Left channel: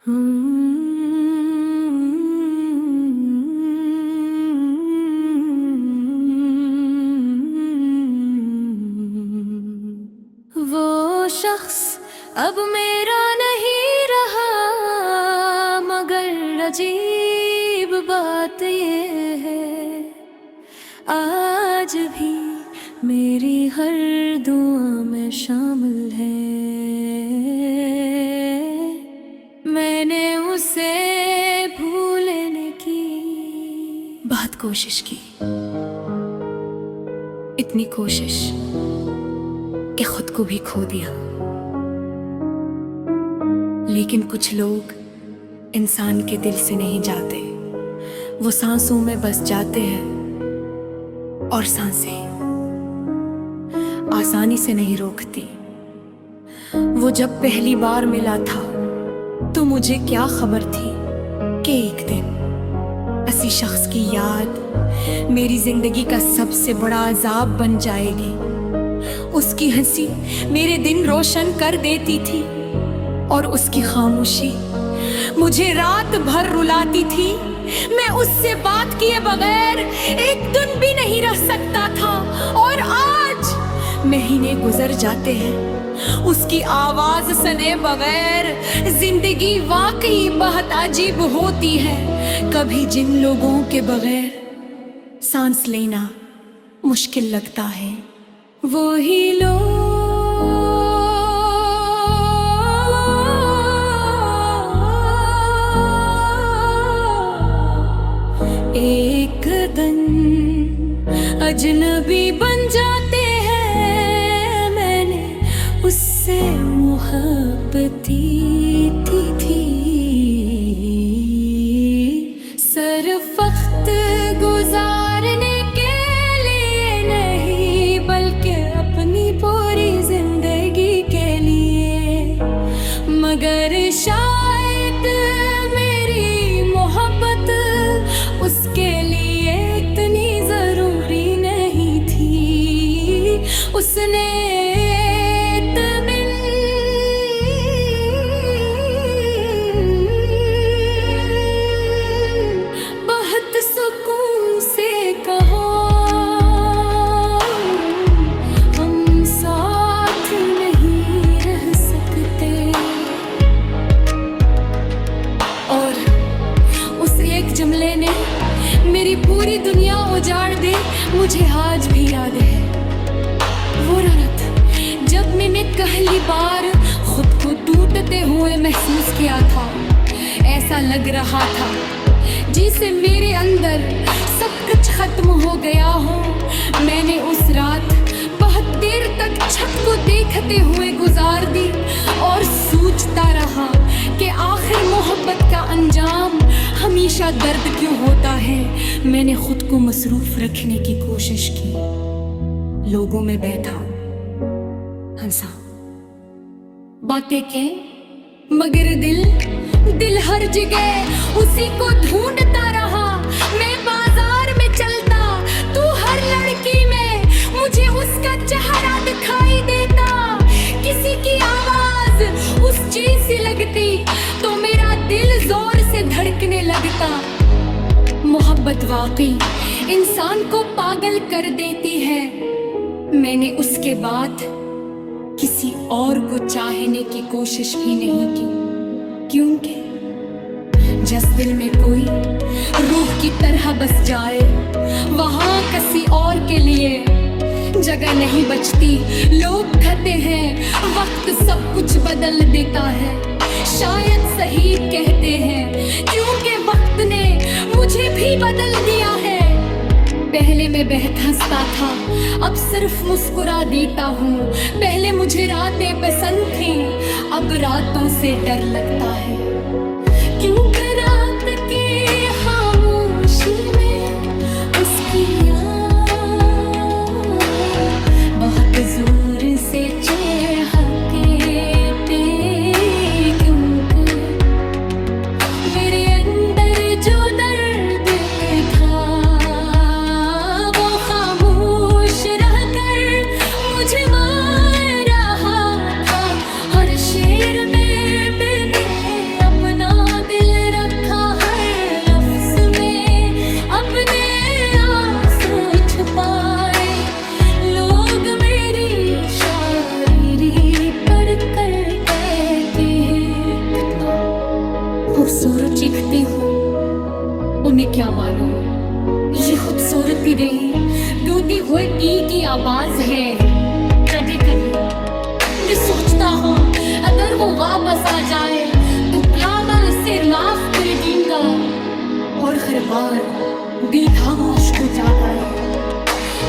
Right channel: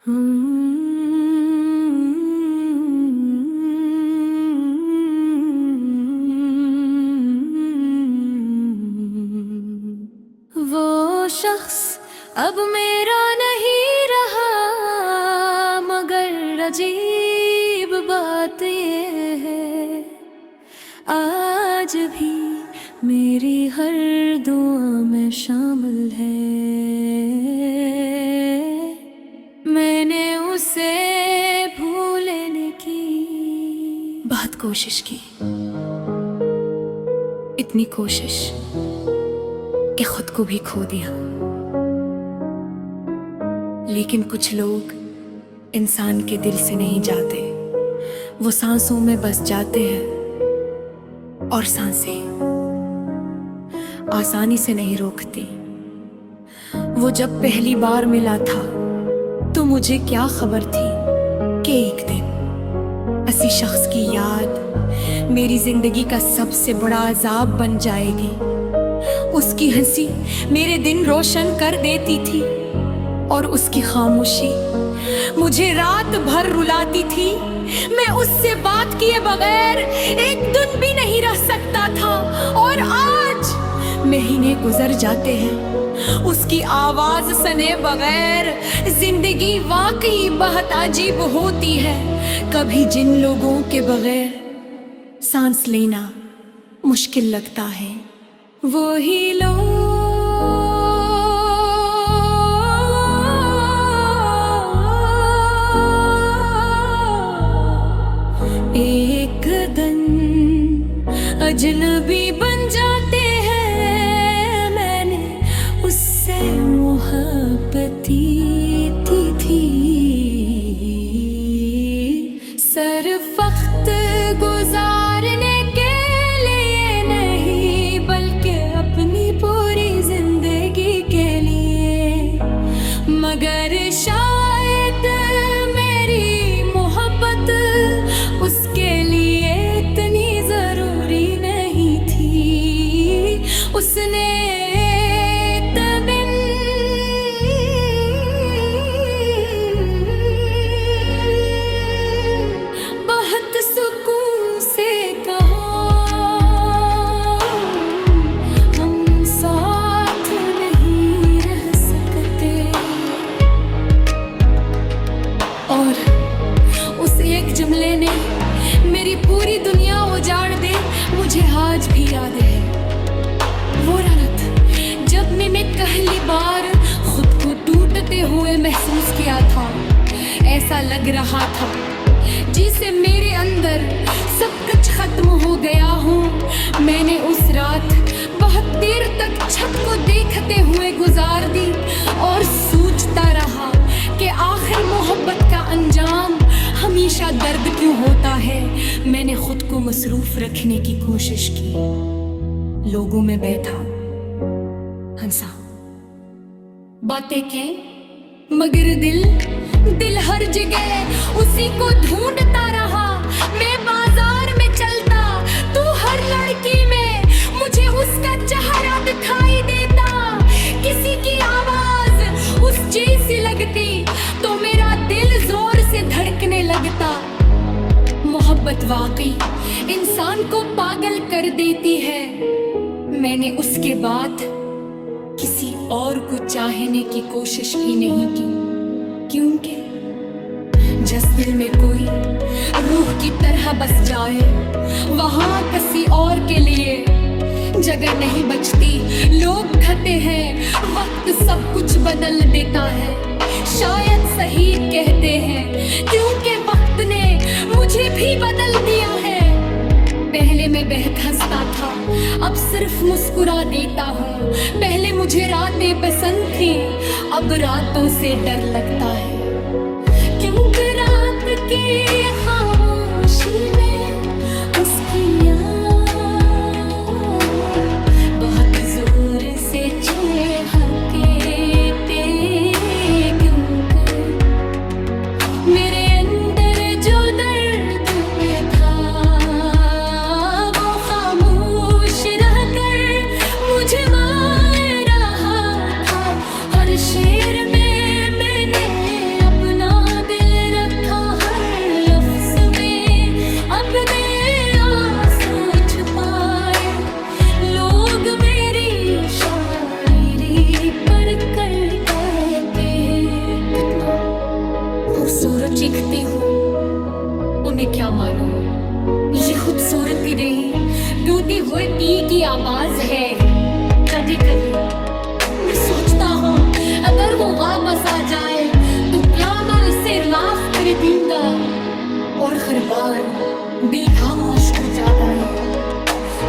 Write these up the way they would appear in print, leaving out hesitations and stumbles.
वो शख्स अब मेरा नहीं रहा, मगर अजीब बात ये है आज भी मेरी हर दुआ में शामिल है। मैंने उसे भूलने की बहुत कोशिश की, इतनी कोशिश कि खुद को भी खो दिया। लेकिन कुछ लोग इंसान के दिल से नहीं जाते, वो सांसों में बस जाते हैं और सांसें आसानी से नहीं रोकती। वो जब पहली बार मिला था तो मुझे क्या खबर थी कि एक दिन ऐसी शख्स की याद मेरी जिंदगी का सबसे बड़ा अजाब बन जाएगी। उसकी हंसी मेरे दिन रोशन कर देती थी और उसकी खामोशी मुझे रात भर रुलाती थी। मैं उससे बात किए बगैर एक दिन भी नहीं रह सकता था और आज महीने गुजर जाते हैं उसकी आवाज सुने बगैर। जिंदगी वाकई बहुत अजीब होती है, कभी जिन लोगों के बगैर सांस लेना मुश्किल लगता है, वो ही लोग एक दिन अजनबी बन जाते हैं। मैंने उससे मोहब्बत की थी, सिर्फ वक्त गुजारने के लिए नहीं बल्कि अपनी पूरी जिंदगी के लिए। मगर शायद मेरी मोहब्बत उसके लिए इतनी जरूरी नहीं थी। उसने दिन बहुत सुकून से कहा हम साथ नहीं रह सकते, और उस एक जुमले ने मेरी पूरी दुनिया उजाड़ दे। मुझे आज भी याद है वो रात जब मैंने पहली बार खुद को टूटते हुए महसूस किया था। ऐसा लग रहा था जिसे मेरे अंदर सब कुछ खत्म हो गया हो। मैंने उस रात बहुत देर तक छत को देखते हुए गुजार दी और सोचता रहा कि आखिर मोहब्बत का अंजाम हमेशा दर्द क्यों होता है। मैंने खुद को मसरूफ रखने की कोशिश की, लोगों में बैठा, हंसा, बातें की, मगर दिल हर जगह उसी को ढूंढता रहा। मैं बाजार में चलता तू हर लड़की में मुझे उसका चेहरा दिखाई देता। किसी की आवाज उस जैसी लगती तो मेरा दिल जोर से धड़कने लगता। मोहब्बत वाकई इंसान को पागल कर देती है। मैंने उसके बाद किसी और को चाहने की कोशिश भी नहीं की, क्योंकि जिस दिल में कोई रूह की तरह बस जाए वहां किसी और के लिए जगह नहीं बचती। लोग कहते हैं वक्त सब कुछ बदल देता है, शायद सही कहते हैं, क्योंकि वक्त ने मुझे भी बदल दिया है। पहले मैं बेहद हंसता था, अब सिर्फ मुस्कुरा देता हूँ। पहले मुझे रातें पसंद थी, अब रातों से डर लगता है, क्योंकि रात की खामोशी में उसकी याद बहुत जोर से चहके पे। क्योंकि मेरे अंदर जो दर्द था वो खामोश रहकर मुझे मार रहा था। हर शेर में मैंने अपना खूबसूरत चीखती हो, उन्हें क्या मालूम ये खूबसूरती रही दूधी हुए दी की आवाज है। कभी कभी मैं सोचता हूँ अगर वो वापस आ जाए तो क्या मैं इसे माफ कर दूंगा, और हर बार दिल का मुश्क जाता है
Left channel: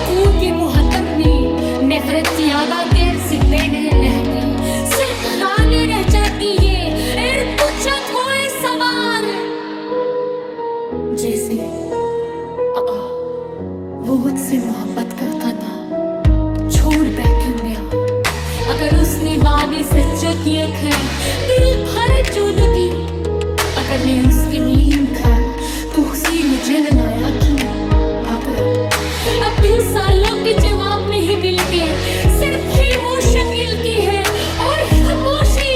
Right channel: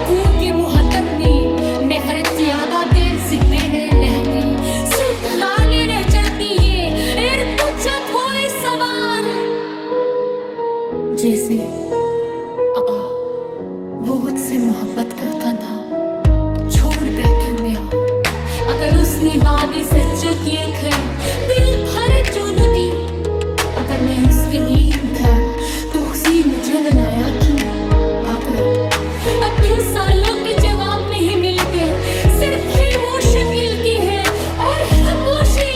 क्योंकि मुहत्तर में नफरत ज्यादा देर से देने लगती, सिर्फ रानी रह जाती है और पूछत होए सवार जैसे वो मुझसे मोहब्बत का कंधा छोड़ बैठे गया। अगर उसने वादी सच्चा किया है दिल भरे जो नदी, अगर मैं उसके नींद था तो उसी मुझे मिलाया कि अब 20 सालों के जवाब नहीं मिल गए, सिर्फ खामोश शकील की है और खामोशी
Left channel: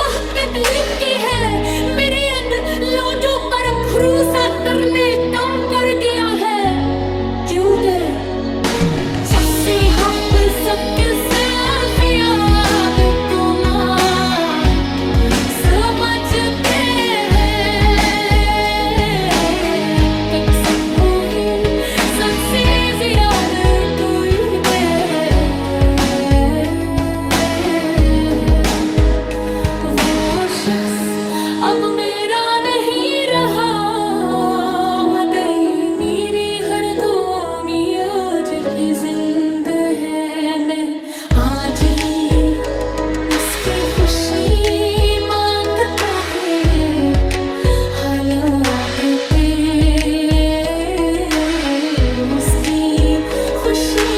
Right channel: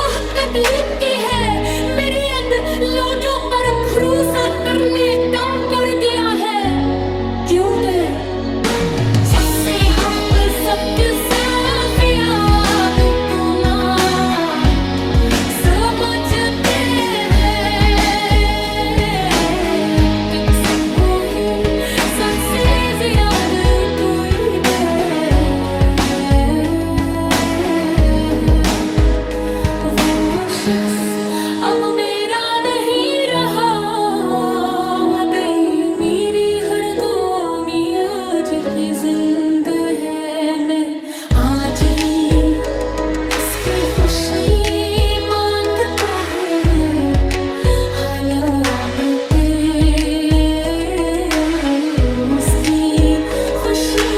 बहकत लुक की है। मेरे अंदर लोगों पर भरोसा करने दम कर गया है, क्योंकि सबसे हक सबके साथ याद तो ना समझते हैं, कसम वो ही सबसे ज्यादा कोई दे। वो शख्स अब मेरा नहीं रहा, वो गई मेरी हर दुनिया की जिंदा है। मैं आज ही उसकी खुशी मांगता है, हालात के उसकी खुशी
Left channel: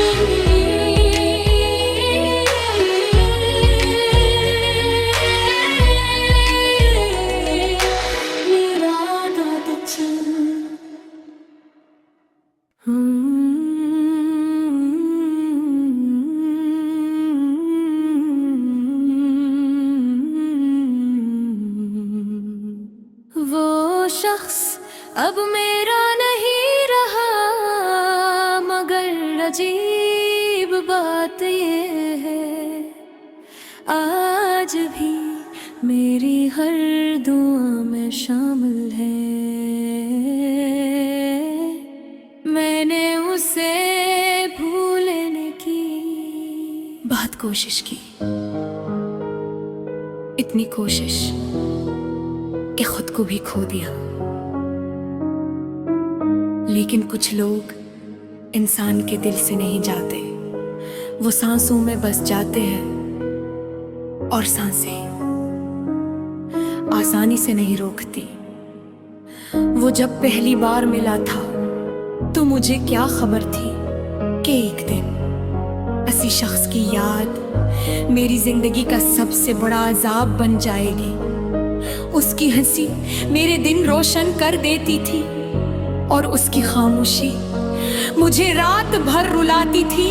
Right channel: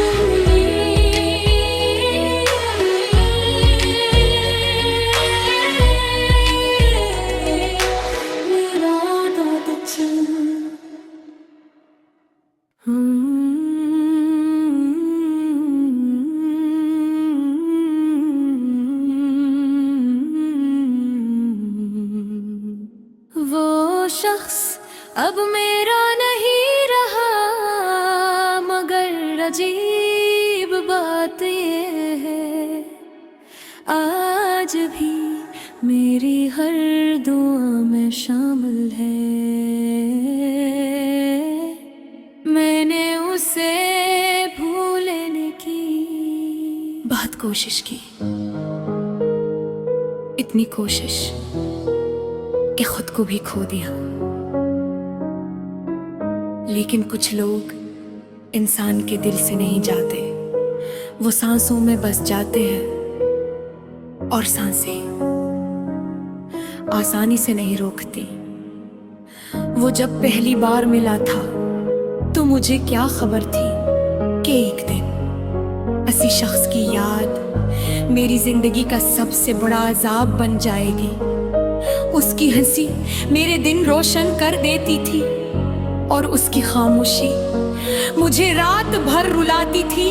मेरा दाद चंद। वो शख्स अब मेरा नहीं रहा, मगर अजीब बात ये है आज भी मेरी हर दुआ में शामिल है। मैंने उसे भूलने की बहुत कोशिश की, इतनी कोशिश कि खुद को भी खो दिया। लेकिन कुछ लोग इंसान के दिल से नहीं जाते, वो सांसों में बस जाते हैं, और सांसें आसानी से नहीं रोकती। वो जब पहली बार मिला था तो मुझे क्या खबर थी कि एक दिन ऐसी शख्स की याद मेरी जिंदगी का सबसे बड़ा अजाब बन जाएगी। उसकी हंसी मेरे दिन रोशन कर देती थी और उसकी खामोशी मुझे रात भर रुलाती थी।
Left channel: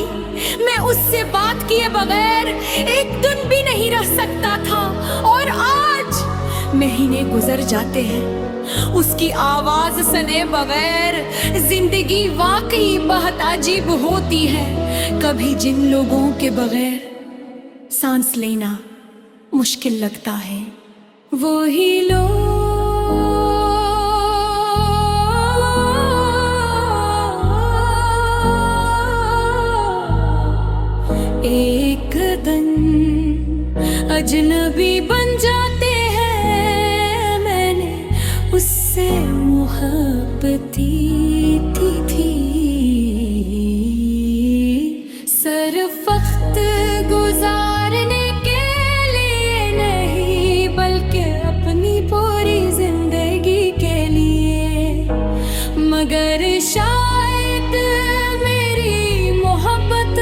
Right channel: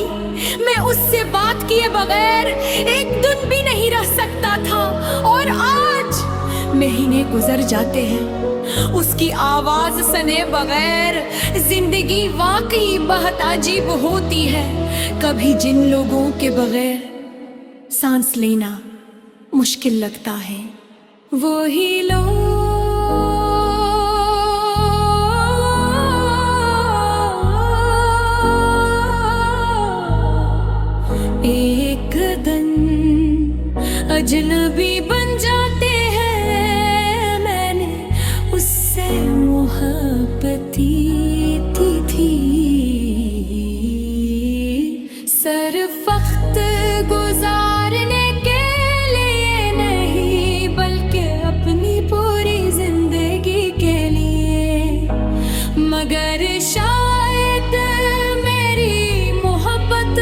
मैं उससे बात किए बगैर एक दिन भी नहीं रह सकता था, और आज महीने गुजर जाते हैं उसकी आवाज सुने बगैर। जिंदगी वाकई बहुत अजीब होती है, कभी जिन लोगों के बगैर सांस लेना मुश्किल लगता है, वो ही लोग एक दिन अजनबी बन जाते हैं। मैंने उससे मोहब्बत की थी, सिर्फ वक्त गुजारने के लिए नहीं, बल्कि अपनी पूरी जिंदगी के लिए। मगर शायद मेरी मोहब्बत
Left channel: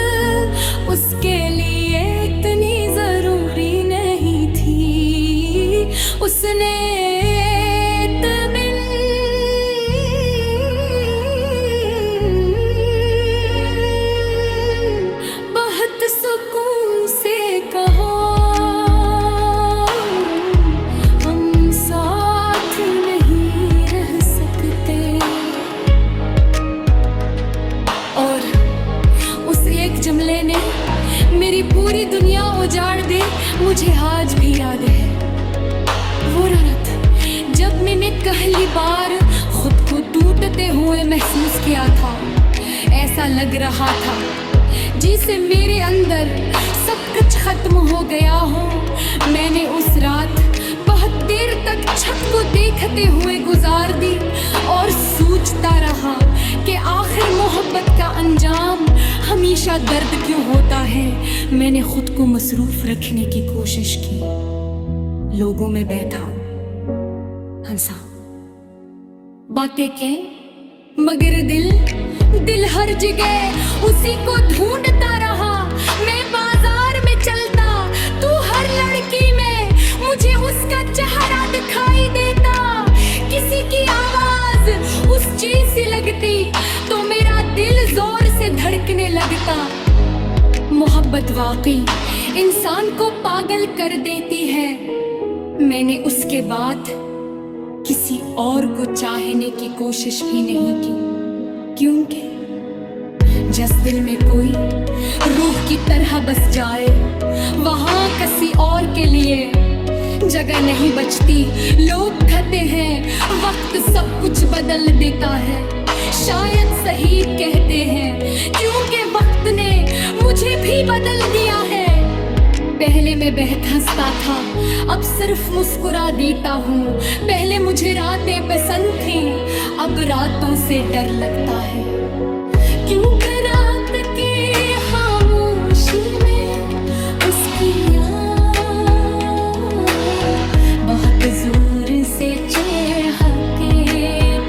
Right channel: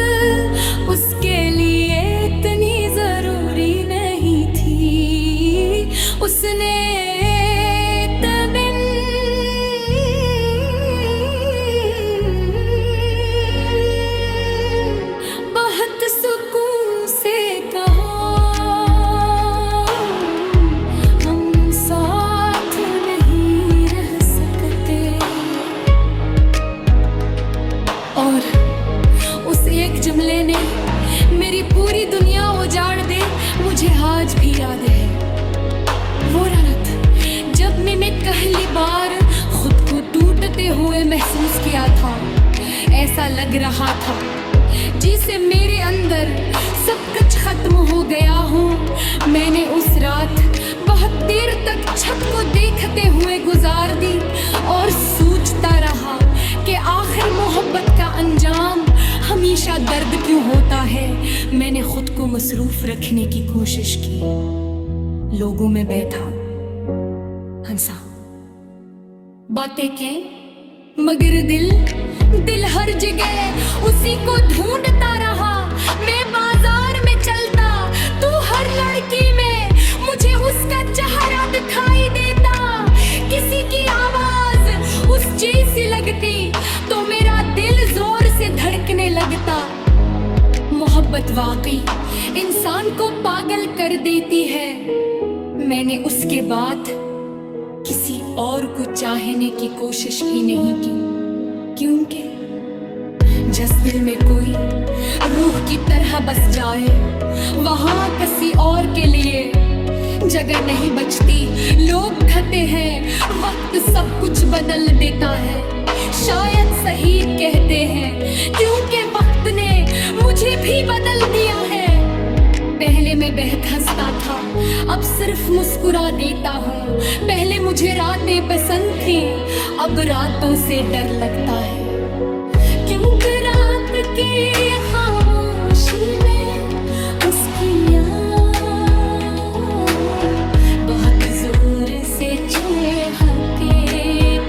उसके लिए इतनी जरूरी नहीं थी। उसने बहुत सुकून से कहा हम साथ नहीं रह सकते, और उस एक जुमले ने मेरी पूरी दुनिया उजाड़ दे। मुझे आज भी याद है वो रात जब पहली बार खुद को टूटते हुए महसूस किया था। ऐसा लग रहा था जिसे मेरे अंदर सब कुछ खत्म हो गया हो। मैंने उस रात बहुत देर तक छत को देखते हुए गुजार दी और सोचता रहा कि आखिर मोहब्बत का अंजाम हमेशा दर्द क्यों होता है। मैंने खुद को मसरूफ रखने की कोशिश की, लोगों में बैठा, हंसा, बातें की, मगर दिल हर जगह उसी को ढूंढता रहा। मैं बाजार में चलता तो हर लड़की में मुझे उसका चेहरा दिखाई देता। किसी की आवाज उस जैसी लगती तो मेरा दिल जोर से धड़कने लगता। मोहब्बत वाकई इंसान को पागल कर देती है। मैंने उसके बाद किसी और को चाहने की कोशिश भी नहीं की, क्योंकि जिस दिल में कोई रूह की तरह बस जाए वहां किसी और के लिए जगह नहीं बचती। लोग कहते हैं वक्त सब कुछ बदल देता है, शायद सही कहते हैं, क्योंकि वक्त ने मुझे भी बदल दिया है। पहले मैं बहुत हंसता था, अब सिर्फ मुस्कुरा देता हूँ। पहले मुझे रातें पसंद थी, अब रातों से डर लगता है, क्योंकि रात की खामोशी में उसकी याद बहुत जोर से चहके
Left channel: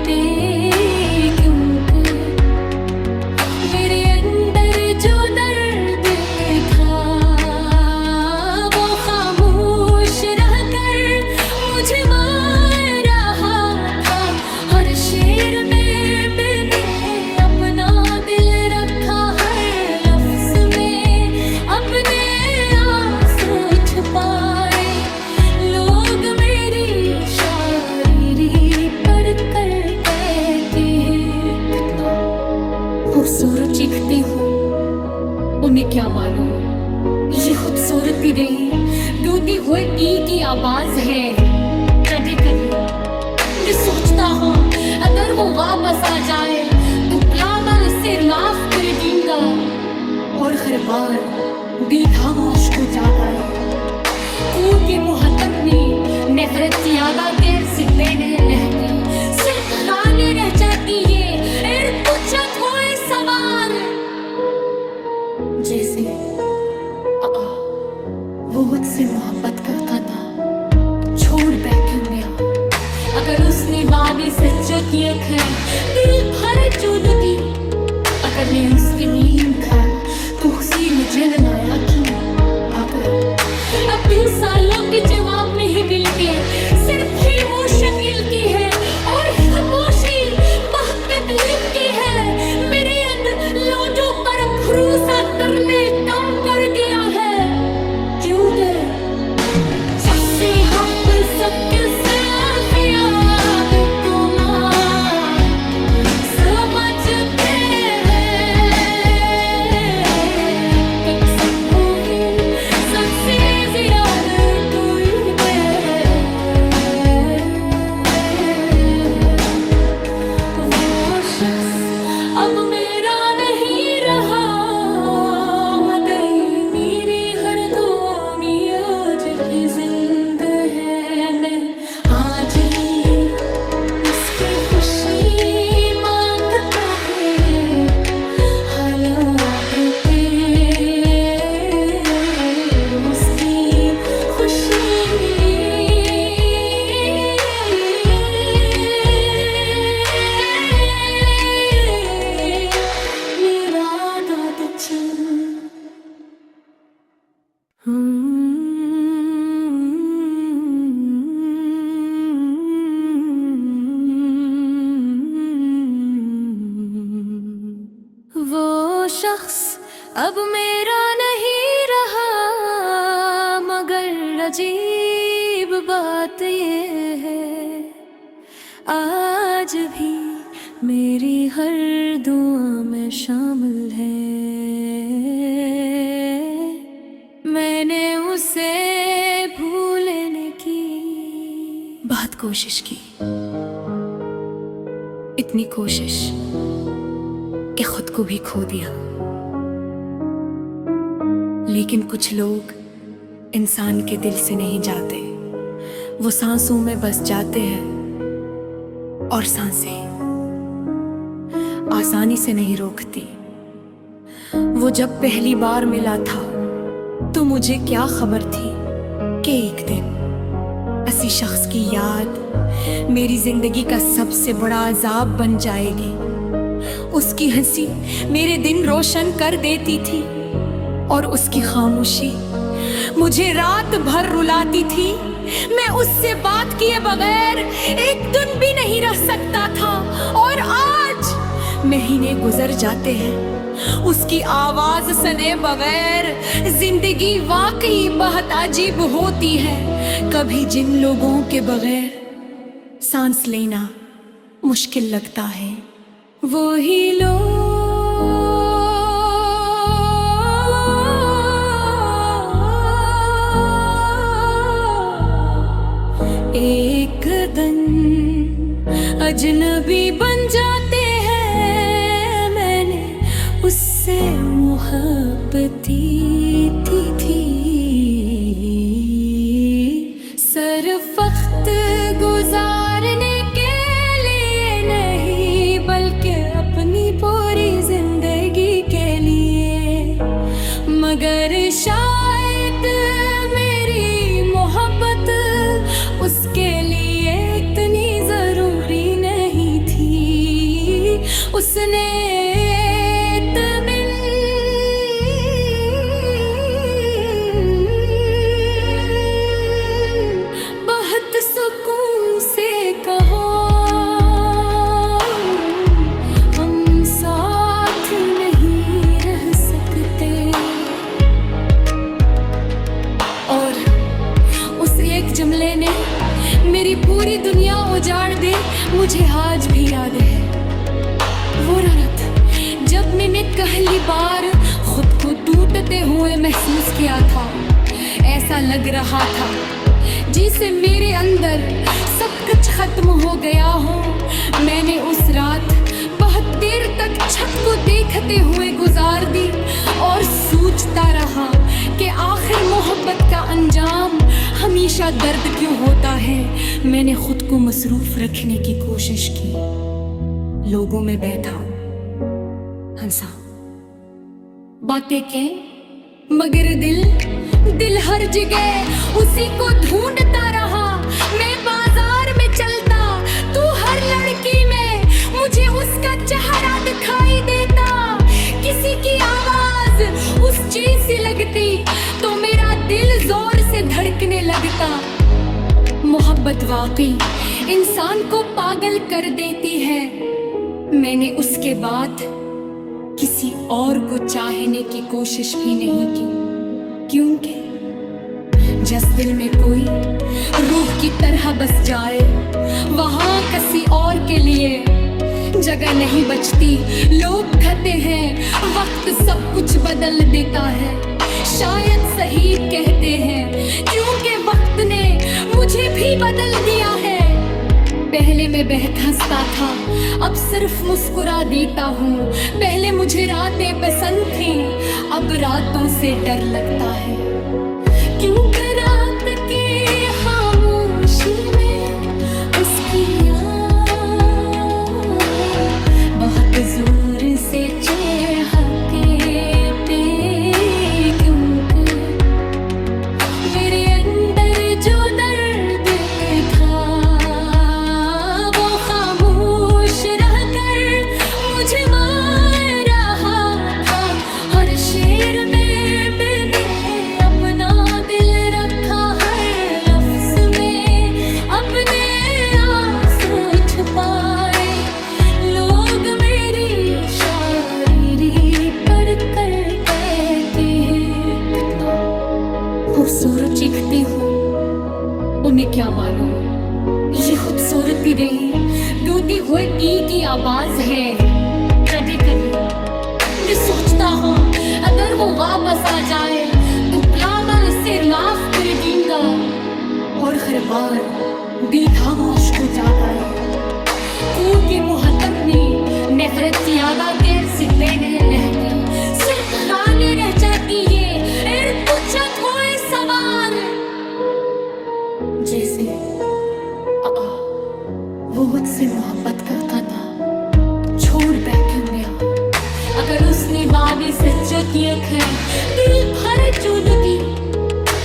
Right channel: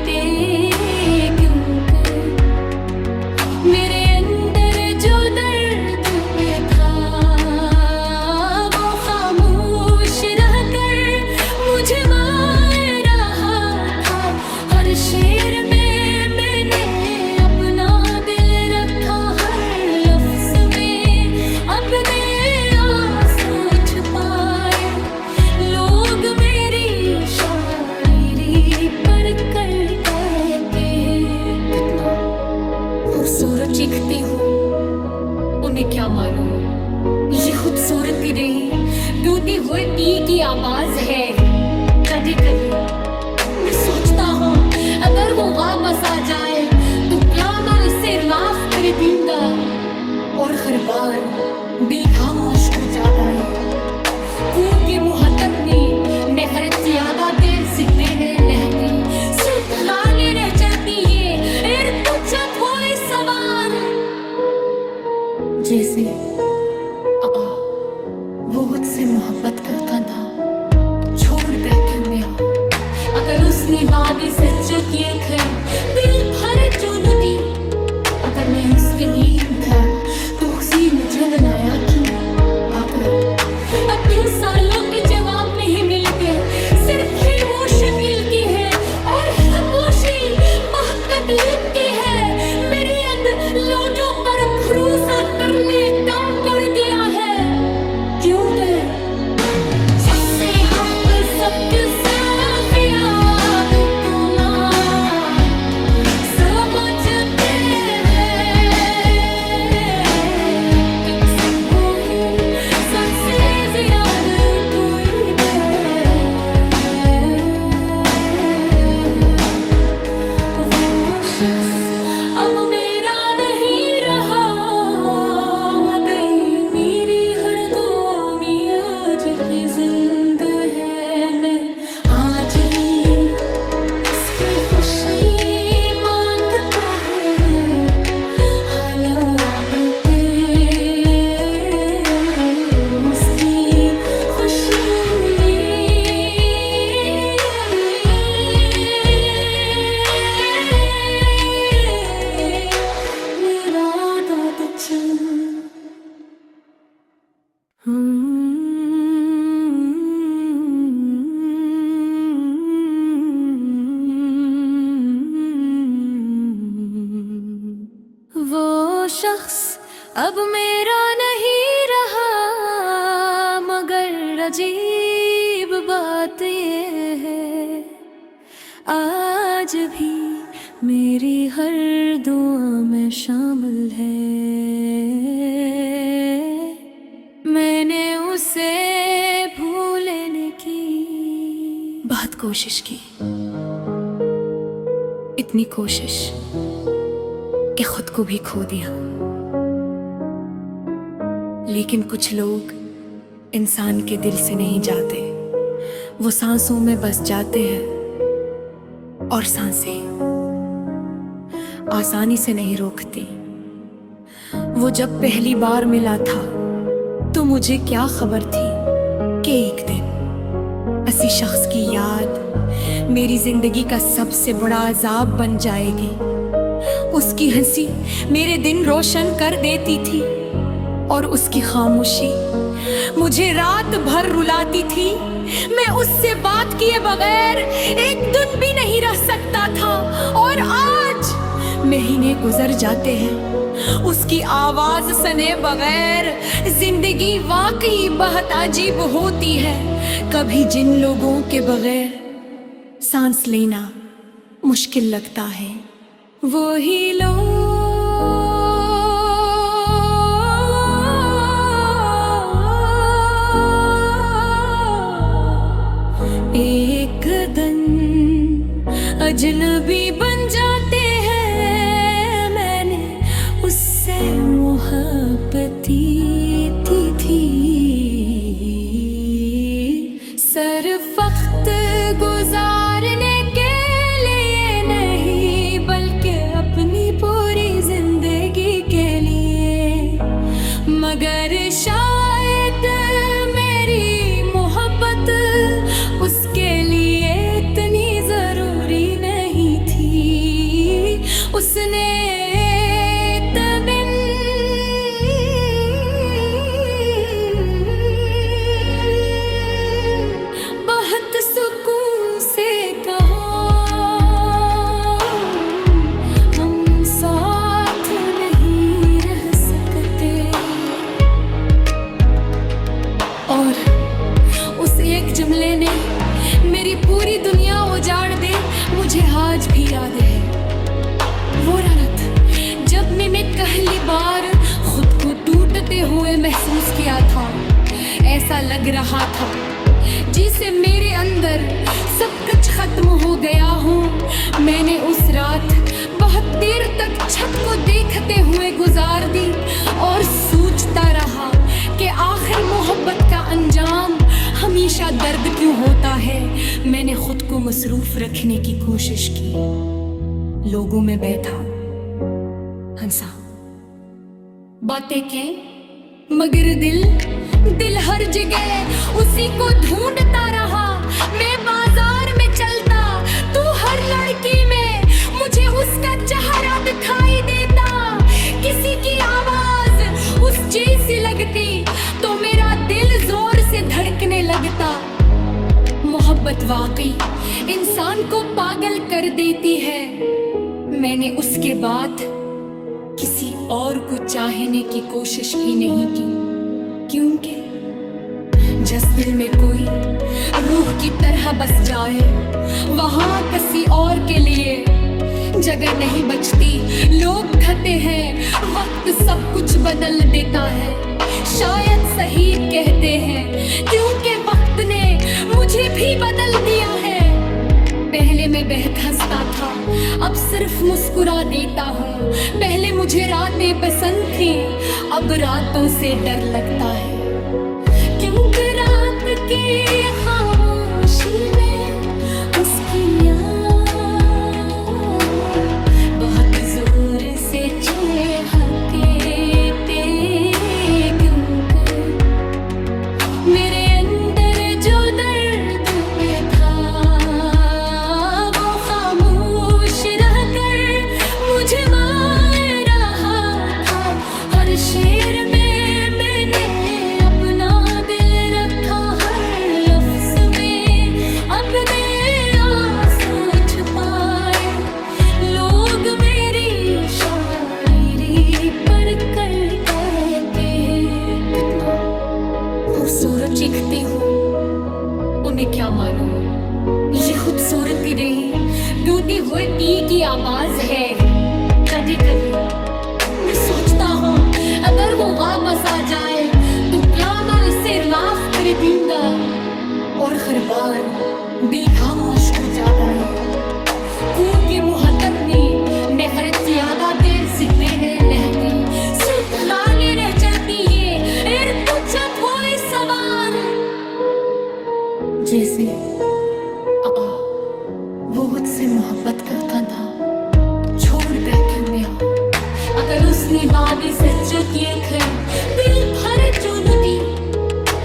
थे। क्योंकि मेरे अंदर जो दर्द था वो खामोश रहकर मुझे मार रहा था। हर शेर में खूबसूरत चीखती हो, उन्हें क्या मालूम ये खूबसूरती रही दूधी हुए दी की आवाज है। कभी कभी मैं सोचता हूँ अगर वो वापस आ जाए तो क्या मैं इसे माफ कर दूंगा। और हर बार दिल खामोश हो जाता है, क्योंकि मुहत्तर ने नफरत ज्यादा देर से देने लगती, सिर्फ गाने रह जाती है एर पूछत होए सवार। जैसे वो मुझसे मोहब्बत करता था, छोड़ बैठे गया। अगर उसने वादी सच किए थे दिल भरे जो नदी, अगर मैं उस पे नींद था तो उसे मुझे लाया क्यों। अब 2 सालों के जवाब नहीं मिल गए, सिर्फ खामोशी की है और खामोशी बहुत तकलीफ की है। मेरे अंदर लोगों पर भरोसा करने दम कर दिया है, क्योंकि सबसे हक सबके साथ याद को ना समझते हैं। कसम वो ही सबसे ज्यादा कोई दे, वो शख्स अब मेरा नहीं रहा, वो गई मेरी हर दुनिया की जिंद है। मैं आज ही उसकी खुशी मांगता है, हालात के उसकी खुशी। मेरा दाद चन वो शख्स अब मेरा नहीं रहा, मगर अजीब बात ये है आज भी मेरी हर दुआ में शामिल है। मैंने उसे भूलने की बहुत बहुत कोशिश की, इतनी कोशिश कि खुद को भी खो दिया। लेकिन कुछ लोग इंसान के दिल से नहीं जाते, वो सांसों में बस जाते हैं। और सांसें आसानी से नहीं रोकती। वो जब पहली बार मिला था तो मुझे क्या खबर थी कि एक दिन ऐसी शख्स की याद मेरी जिंदगी का सबसे बड़ा अजाब बन जाएगी। उसकी हंसी मेरे दिन रोशन कर देती थी और उसकी खामोशी मुझे रात भर रुलाती थी। मैं उससे बात किए बगैर एक दिन भी नहीं रह सकता था। और आज महीने गुजर जाते हैं उसकी आवाज सुने बगैर। जिंदगी वाकई बहुत अजीब होती है। कभी जिन लोगों के बगैर सांस लेना मुश्किल लगता है, वो ही लोग एक दिन अजनबी बन जाते हैं। मैंने उससे मोहब्बत थी सिर्फ वक्त गुजारने के लिए नहीं, बल्कि अपनी पूरी जिंदगी के लिए। मगर शायद मेरी मोहब्बत उसके लिए इतनी जरूरी नहीं थी। उसने एक दिन बहुत सुकून से कहा, हम साथ नहीं रह सकते। और उस एक जुमले ने मेरी पूरी दुनिया उजाड़ दे, मुझे आज भी याद है। वो रात जब मैंने पहली बार खुद को टूटते हुए महसूस किया था। ऐसा लग रहा था जिसे मेरे अंदर सब कुछ खत्म हो गया हो। मैंने उस रात बहुत देर तक छत को देखते हुए गुजार दी और सोचता रहा कि आखिर मोहब्बत का अंजाम हमेशा दर्द क्यों होता है। मैंने खुद को मसरूफ रखने की कोशिश की, लोगों में बैठा, हंसा, बातें की, मगर दिल हर जगह उसी को ढूंढता रहा। मैं बाजार में चलता तू हर लड़की में मुझे उसका चेहरा दिखाई देता। किसी की आवाज उस जैसी लगती तो मेरा दिल जोर से धड़कने लगता। मोहब्बत वाकई इंसान को पागल कर देती है। मैंने उसके बाद किसी और को चाहने की कोशिश भी नहीं की, क्योंकि जिस दिल में कोई रूह की तरह बस जाए, वहां किसी और के लिए जगह नहीं बचती। लोग कहते हैं वक्त सब कुछ बदल देता है, शायद सही कहते हैं, क्योंकि वक्त ने मुझे भी बदल दिया है। पहले मैं बेहद हंसता था, अब सिर्फ मुस्कुरा देता हूँ। पहले मुझे रातें पसंद थी, अब रातों से डर लगता है, क्योंकि रात की खामोशी में उसकी याद बहुत जोर से चहकते। क्योंकि मेरे अंदर जो दर्द था वो खामोश रहकर मुझे मार रहा था। हर शेर में मैंने अपना दिल रखा, हर लफ्ज में अपने आंसू छुपाए। लोग मेरी शायरी पर कर कहते हैं कितना खूबसूरत दिखती हो, उन्हें क्या मानो। ये खूबसूरती रही दूधी हुए दी की आवाज है। कभी कभी मैं सोचता हूँ अगर वो वापस आ जाए तो क्या मैं इसे माफ कर दूंगा। और हर बार दिल खामोश को ज्यादा है कू के मुहत्तर ने नफरत ज्यादा देर से देने लहती सिर्फ रानी रह जाती ये एर पूछा थोए सवार जैसे वो मुझसे मोहब्बत का कांधा छोड़ बैठे ब्या अगर उसने वादी सच्च की है दिल भरे जो नदी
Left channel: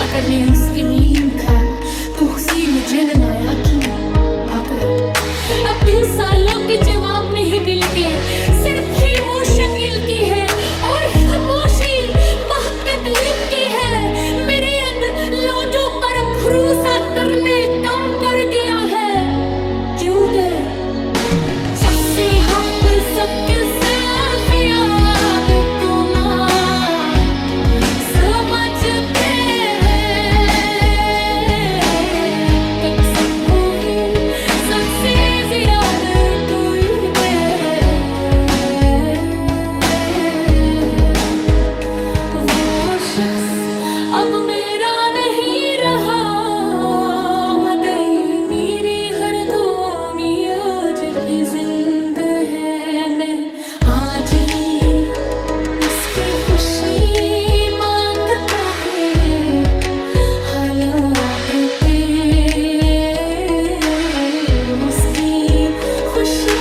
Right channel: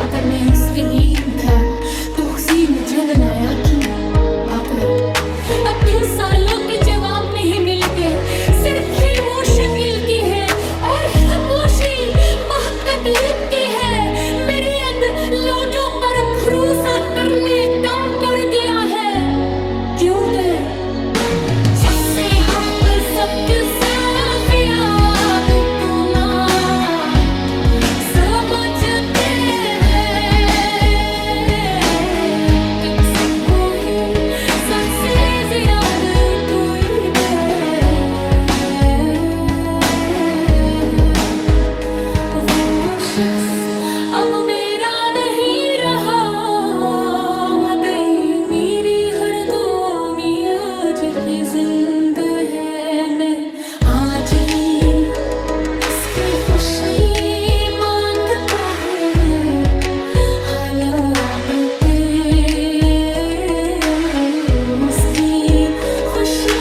अगर मैं उसके नीम खा तो उसी मुझे न लाया कि अब 2 सालों के जवाब नहीं मिल गए सिर्फ ही वो शकील की है और खामोशी बहकत की है मेरे अंदर लोगों पर भरोसा करने दम कर दिया है क्यों गए सबसे हक सबके साथ याद तो ना समझते हैं कसम वो ही सबसे ज्यादा कोई दे वो शख्स अब मेरा नहीं रहा वो गई मेरी हर दोनियों की जिंद है मैं आज भी उसकी खुशी मांगता है हालात के उसकी खुशी